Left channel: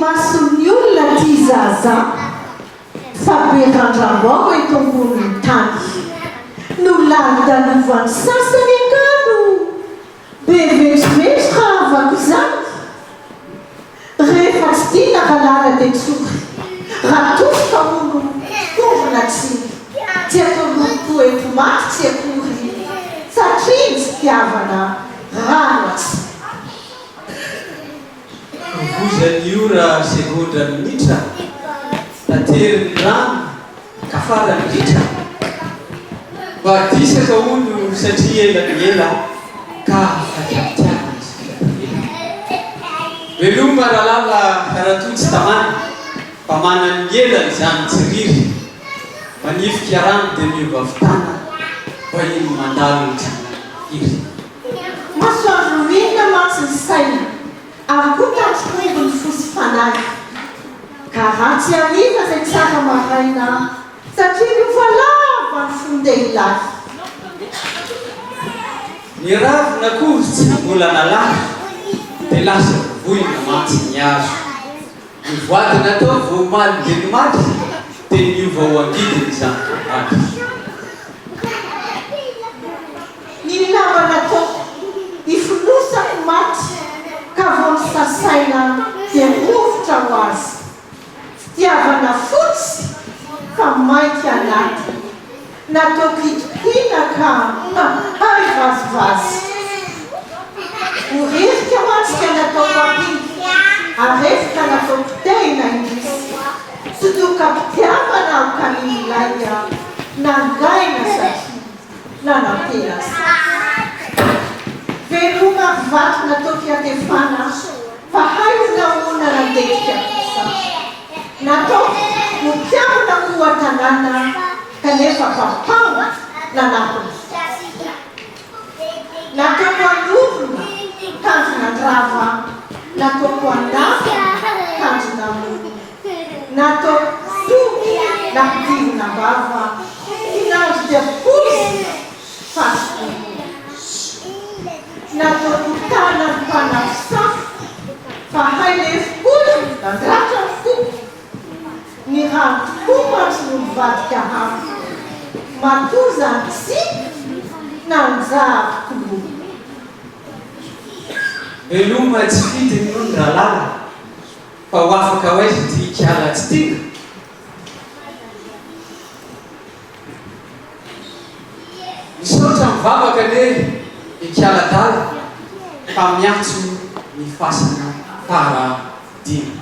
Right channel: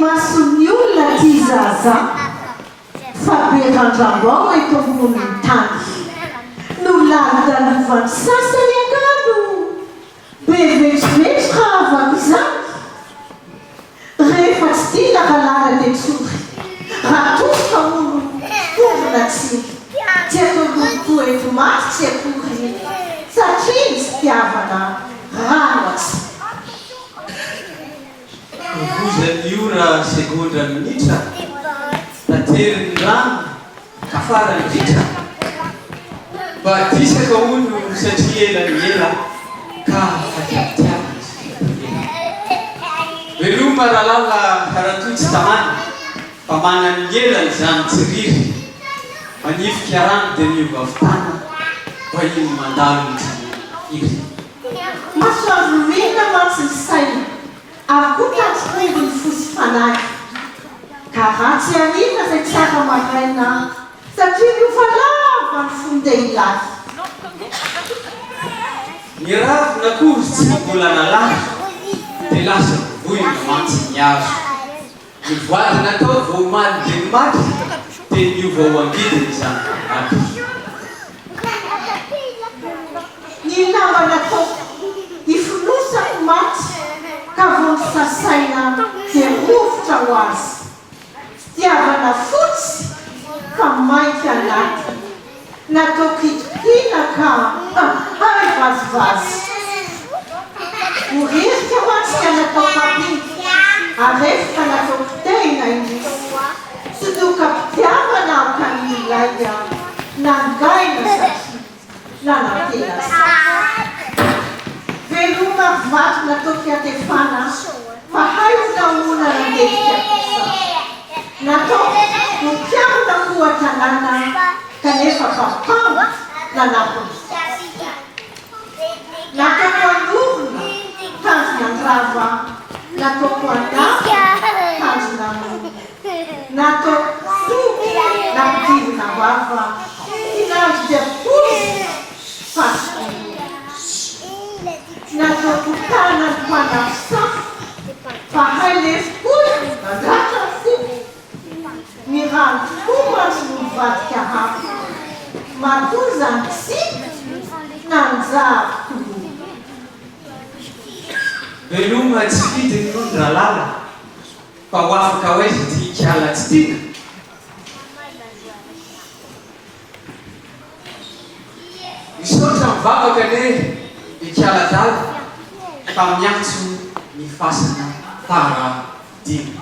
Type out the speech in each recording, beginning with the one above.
mason'ny olona ty zaza fa be randram-boa eto amboniny tany no lalo-dalovany sasany angano be vetivety raha avako izany rehefa tsy tia lakalala ny tsory raha tofoka olo tovona tsiny tsy atolopo eto maty tsy akory satria tsy tiavana rano atsy vozany ora segondra minitra tateriny rano ka farany ritra mba disaka olo satria elany ela ka fakiapitiavana veloma rahalala karatotsy tamana fa manany elany zany tsiriry manifika rano dia mivavitana fa iny mandalo iry masoandro inona mantsy ny saina ary koa tatrokombo ny fosy fanahy ka raha tsy ariana zay tsara maraina satria novalava ny fondeha ilahy ny ravina kory tsy mbola nalahy dia lasa voina mantsy ny azo ny voadina atao vao maly dia ny maty dia miova ho angidiny zany maty ny namana ataoko ifinosako maty ka vao ny sasaina dia rovotra ho azy fitiavana fotsy fa mainky anaty nataoko hitokina ka hay vazivazy horirika hoantsika nataoko apiky arefika nataoko tena indrisy sodoka mpitiavana ao kanilainya nangaina satria nanantelasa veloma vato nataoko iatefana fa haionaona randetika isa nataoko ho mpiavana koa tanàna kanefa kampana nanapony nataoko anorona kanjonandrava nataoko andava kanjonamony nataoko soky napidirina bava inandro dia posy fasikomo nataoko tana ny mpanafisafo fa hailefikoy nandratra ny foko ny rano tokoa mantsy no mivadika hafo matozany tsy nanjavoko veloma tsy fidiny no ny rahalala fa ho afaka ho aizy ty kiala tsy tina misaotra mivavaka le ikiala-dala fa miantso ny fasana paradimy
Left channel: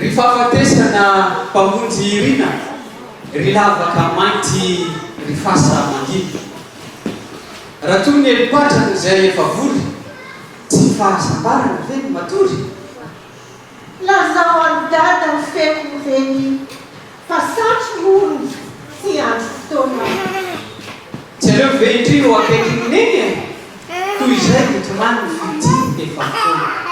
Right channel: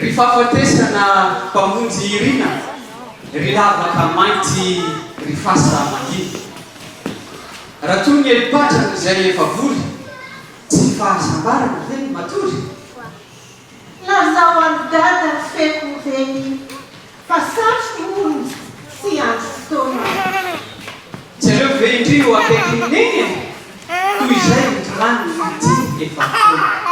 ry fahafatesana mpamonjy irina ry lavaka mainty ry fasa manginy raha toy ny elipatrana zay efa vory tsy fahasambarana ve ny matory lazao andada ny feko reny fa satry ony sy andro fotoana tsy aleo ve indrio akaiky neny toy izay mitomany fity efa foana